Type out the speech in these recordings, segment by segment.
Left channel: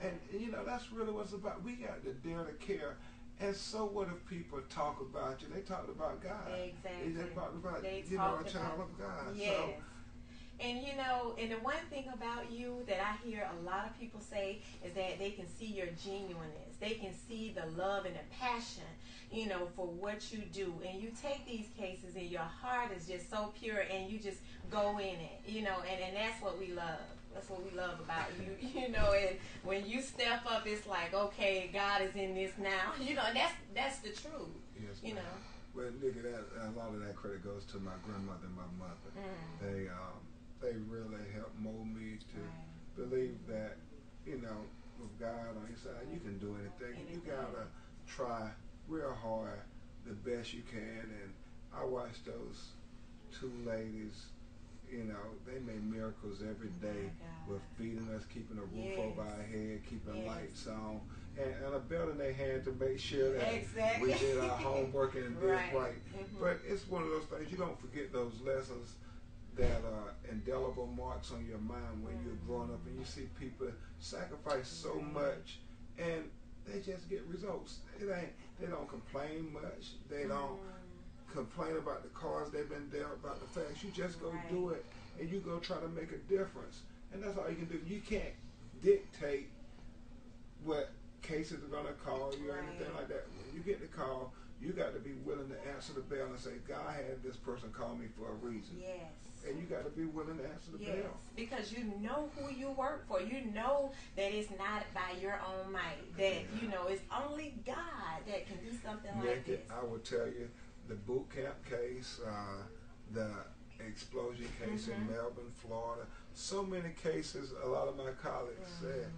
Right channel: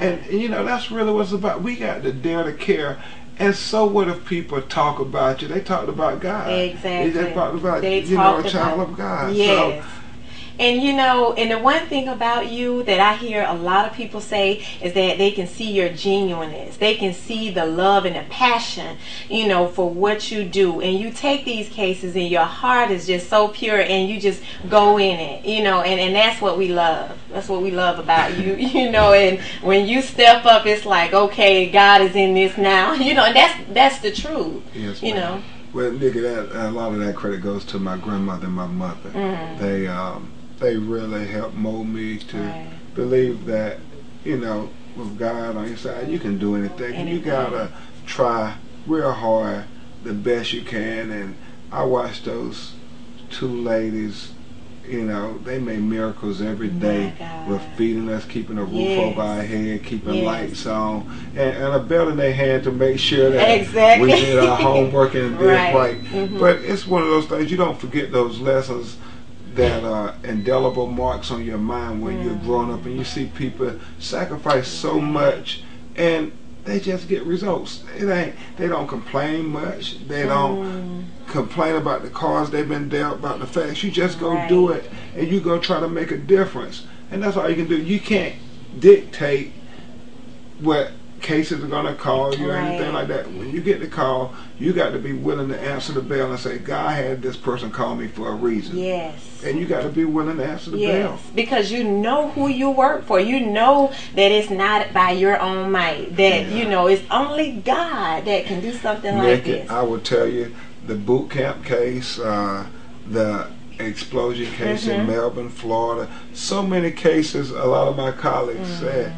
And you know, that's really what it's about. We got to dare to care. And so what if people talk about you? They talked about God. Exactly. They talked about, They you know, a talked child about, of God. yes. So, And you know, and the one thing about you that I hear a lot of people say is that they can see your genuineness. They can see the love and the passion, you know, for what you do. And you take these cases and your heart is just so pure and you just go in it, you know, and that's what we love. That's what we love about you, you know, and when you step up, it's like, okay, God is in this now, you know, and that's the truth, yes, you ma'am. know. Well, Nicky, a lot of that credit goes to my grandmother and my mother. They really helped mold me to believe that, you know, with God on your side, you can do anything. And you gotta try real hard, the best you can. And I watched those two ladies. You know, they made miracles every day with feeding us, keeping a roof over our head, keeping lights on, and a belt in their hand to make sure that we did our homework and did right. But it's one of those things, you don't forget those lessons that are indelible marks on your mind when you're growing up and you see people sacrifice so much and they just get results. They don't complain much. They don't complain about the cards they've been dealt, about the facts. You just go do it and you go try to make a difference. And that's all you can do. You can't dictate what cases are going to call you or anything like that. When you get the call, you got to be willing to answer the bell and say, God had this person call me for a reason. Yes. And you got to be willing to answer the bell. Because you know who you work for. You know that it's not by your own might. That, you know, it's only God that can do something like this. I will tell you, the boot camp case, the explosion case in Melbourne, Florida, so many cases, a lot of my colleagues said,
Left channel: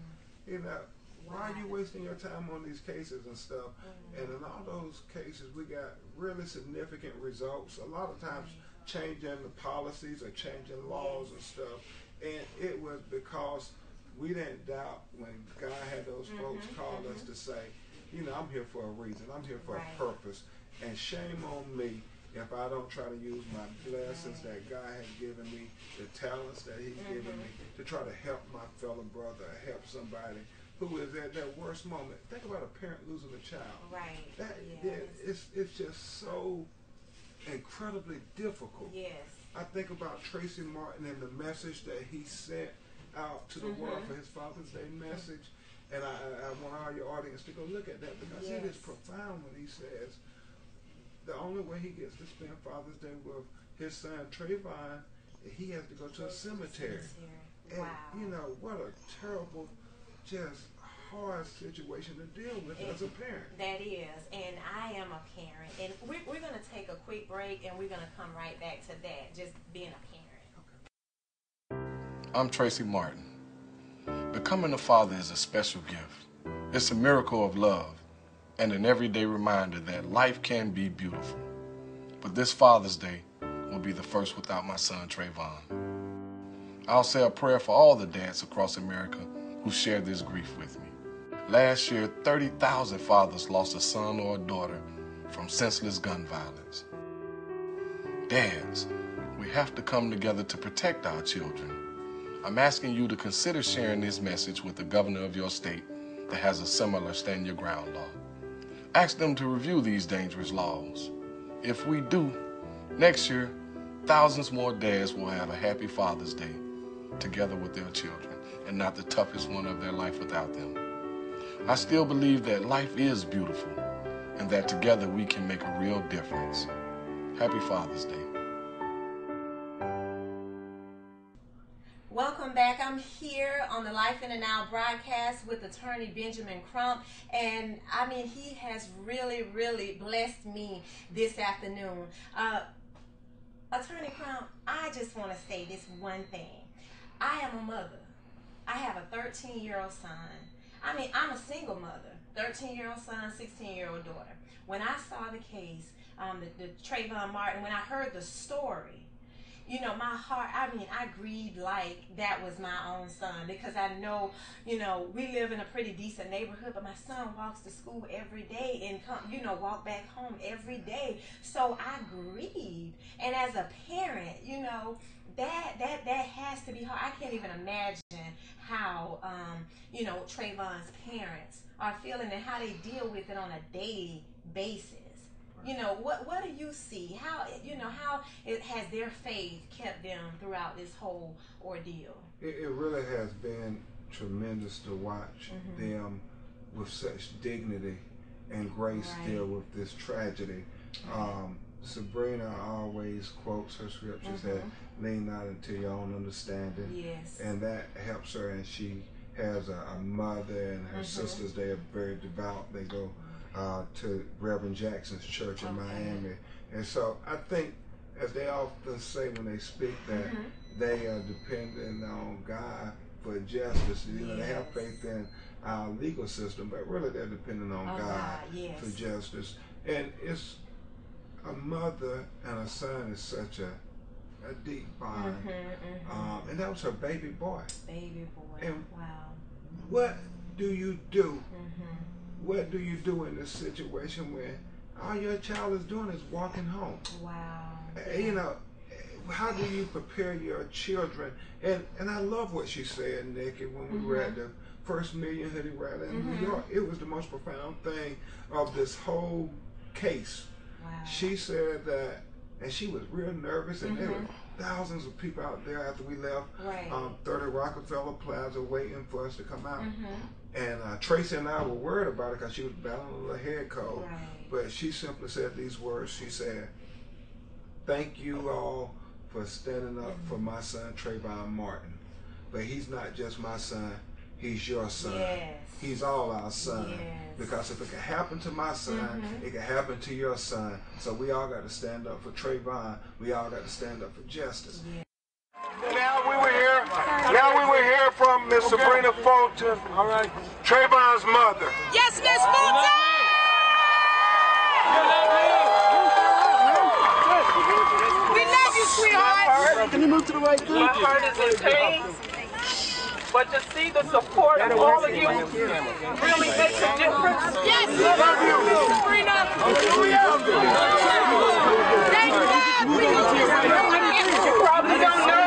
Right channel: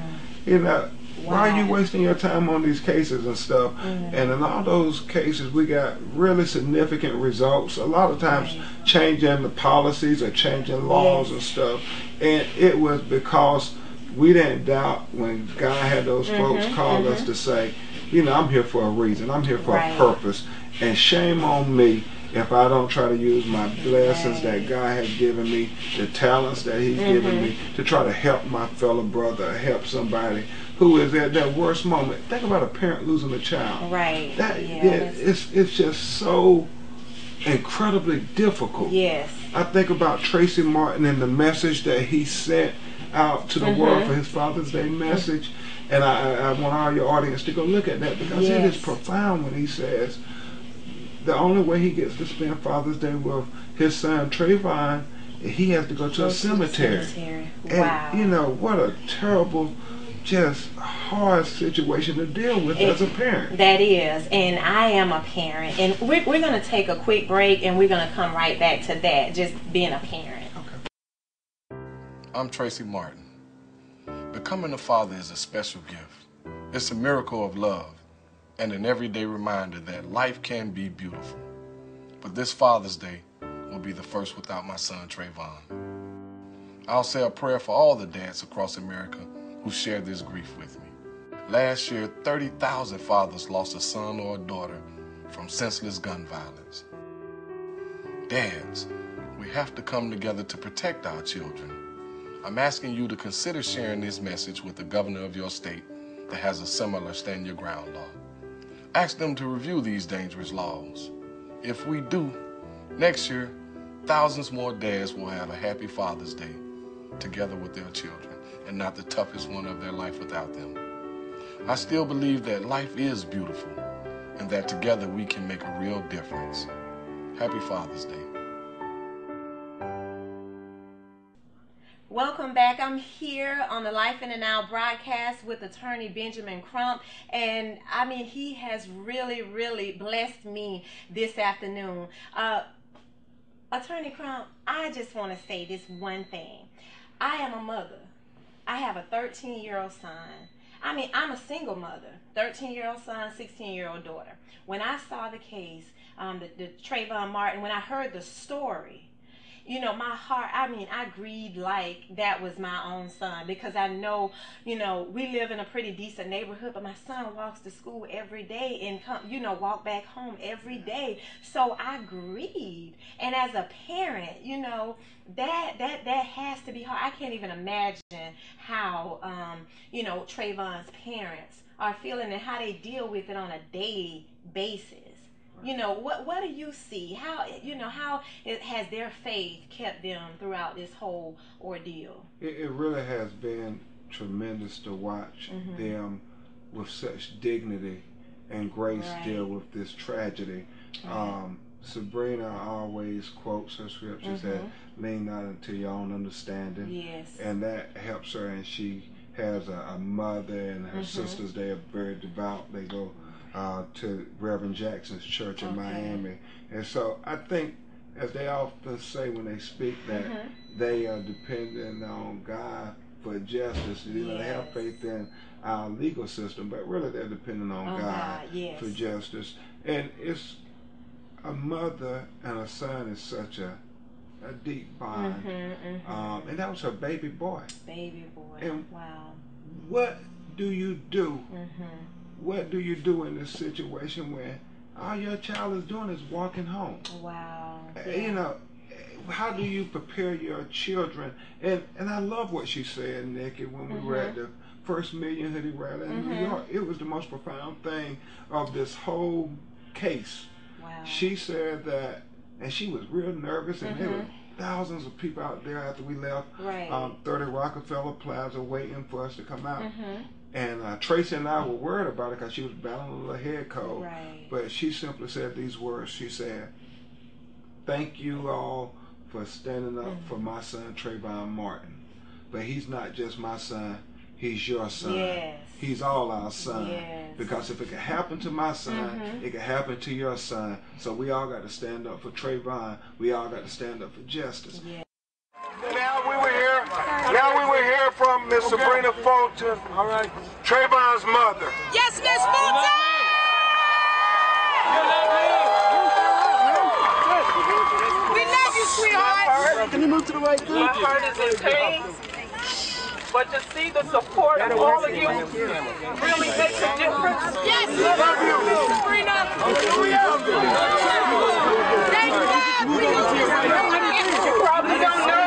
you know, why are you wasting your time on these cases and stuff? And in all those cases, we got really significant results. A lot of times changing the policies or changing laws and stuff. And it was because we didn't doubt when God had those folks call us to say, you know, I'm here for a reason. I'm here for a purpose. And shame on me if I don't try to use my blessings that God has given me, the talents that He's given me, to try to help my fellow brother, help somebody who is at that worst moment. Think about a parent losing a child. Right. It's just so incredibly difficult. Yes. I think about Tracy Martin and the message that he sent out to the world for his Father's Day message. And I want all your audience to go look at that because it is profound when he says the only way he gets to spend Father's Day with his son Trayvon, he has to go to a cemetery. And you know, what a terrible, just hard situation to deal with as a parent. That is, and I am a parent, and we're going to take a quick break, and we're going to come right back to that, just being a parent. Okay. I'm Tracy Martin. Becoming a father is a special gift. It's a miracle of love and an everyday reminder that life can be beautiful. But this Father's Day will be the first without my son Trayvon. I'll say a prayer for all the dads across America who share this grief with me. Last year, 30,000 fathers lost a son or a daughter from senseless gun violence. Dads, we have to come together to protect our children. I'm asking you to consider sharing this message with the governor of your state that has a similar Stand Your Ground law. Ask them to review these dangerous laws. If we do, next year, thousands more dads will have a happy Father's Day together with their children and not the toughest one of their life without them. I still believe that life is beautiful and that together we can make a real difference. Happy Father's Day. Welcome back. I'm here on the Life in the Now broadcast with attorney Benjamin Crump, and I mean, he has really, really blessed me this afternoon. Attorney Crump, I just want to say this one thing. I am a mother. I have a 13-year-old son. I mean, I'm a single mother, 13-year-old son, 16-year-old daughter. When I saw the case, the Trayvon Martin, when I heard the story, you know, my heart, I mean, I grieved like that was my own son, because I know, you know, we live in a pretty decent neighborhood, but my son walks to school every day and come, you know, walk back home every day. So I grieved. And as a parent, you know, that has to be hard. I can't even imagine how, you know, Trayvon's parents are feeling and how they deal with it on a daily basis. You know, what do you see? How, you know, how has their faith kept them throughout this whole ordeal? It really has been tremendous to watch them with such dignity and grace deal with this tragedy. Sabrina always quotes her scriptures that lean not into your own understanding. Yes. And that helps her, and she has a mother and her sisters. They are very devout. They go to Reverend Jackson's church in Miami. And so I think, as they often say when they speak, that they are dependent on God for justice. You know, they have faith in our legal system, but really they're dependent on God for justice. And it's a mother and a son is such a deep bond. And that was her baby boy. Baby boy. And wow. What do you do? What do you do in this situation where all your child is doing is walking home? Wow. You know, how do you prepare your children? And I love what she said, Nikki, when we were at the first Million Hoodie Rally in New York. It was the most profound thing of this whole case. Wow. She said that, and she was real nervous, and there were thousands of people out there after we left 30 Rockefeller Plaza waiting for us to come out. And Tracy and I were worried about it because she was battling a little head cold. But she simply said these words. She said, "Thank you all for standing up for my son Trayvon Martin. But he's not just my son. He's your son. He's all our son. Because if it could happen to my son, it could happen to your son. So we all got to stand up for Trayvon. We all got to stand up for justice." Now we were here from Miss Sabrina Fulton, Trayvon's mother. Yes, Miss Fulton! We love you, sweetheart. Can you move to the right? My heart is in pain. But to see the support of all of you really makes a difference. Yes, we love you, Sabrina. You probably don't know.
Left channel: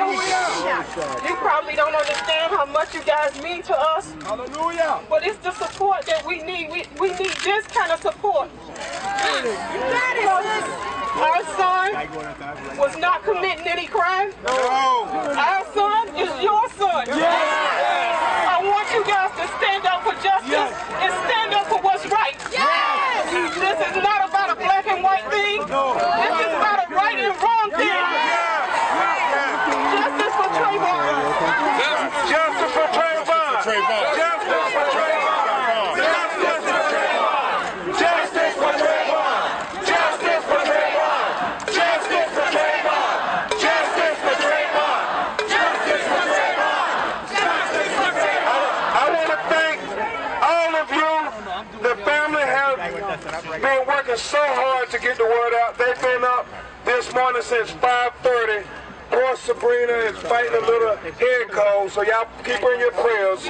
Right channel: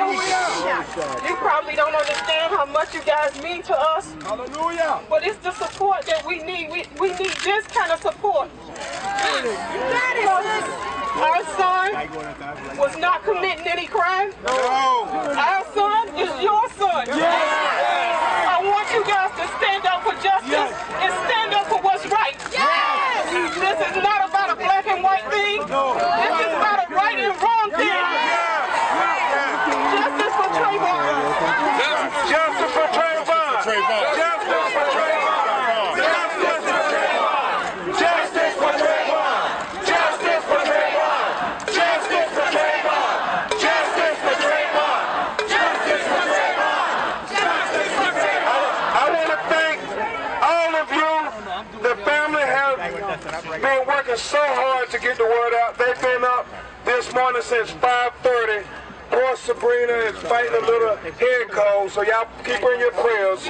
You probably don't understand how much you guys mean to us. Hallelujah. But it's the support that we need. We need this kind of support. Our son was not committing any crime. No. Our son is your son. I want you guys to stand up for justice and stand up for what's right. This is not about a black and white thing. This is about a right and wrong thing. Justice for Trayvon. Justice for Trayvon. Justice for Trayvon. Justice for Trayvon. Justice for Trayvon. Justice for Trayvon. Justice for Trayvon. Justice for Trayvon. Justice for Trayvon. Justice for Trayvon. I want to thank all of you. The family has been working so hard to get the word out. They've been up this morning since 5:30. Poor Sabrina is fighting a little head cold, so y'all keep her in your prayers.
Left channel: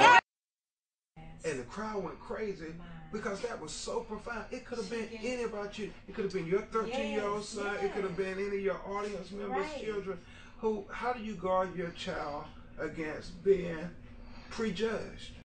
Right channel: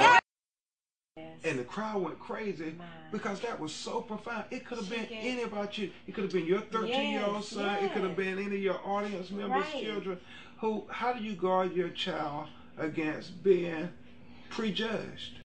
And the crowd went crazy because that was so profound. It could have been any about you. It could have been your 13-year-old son. It could have been any of your audience members, children. How do you guard your child against being prejudged?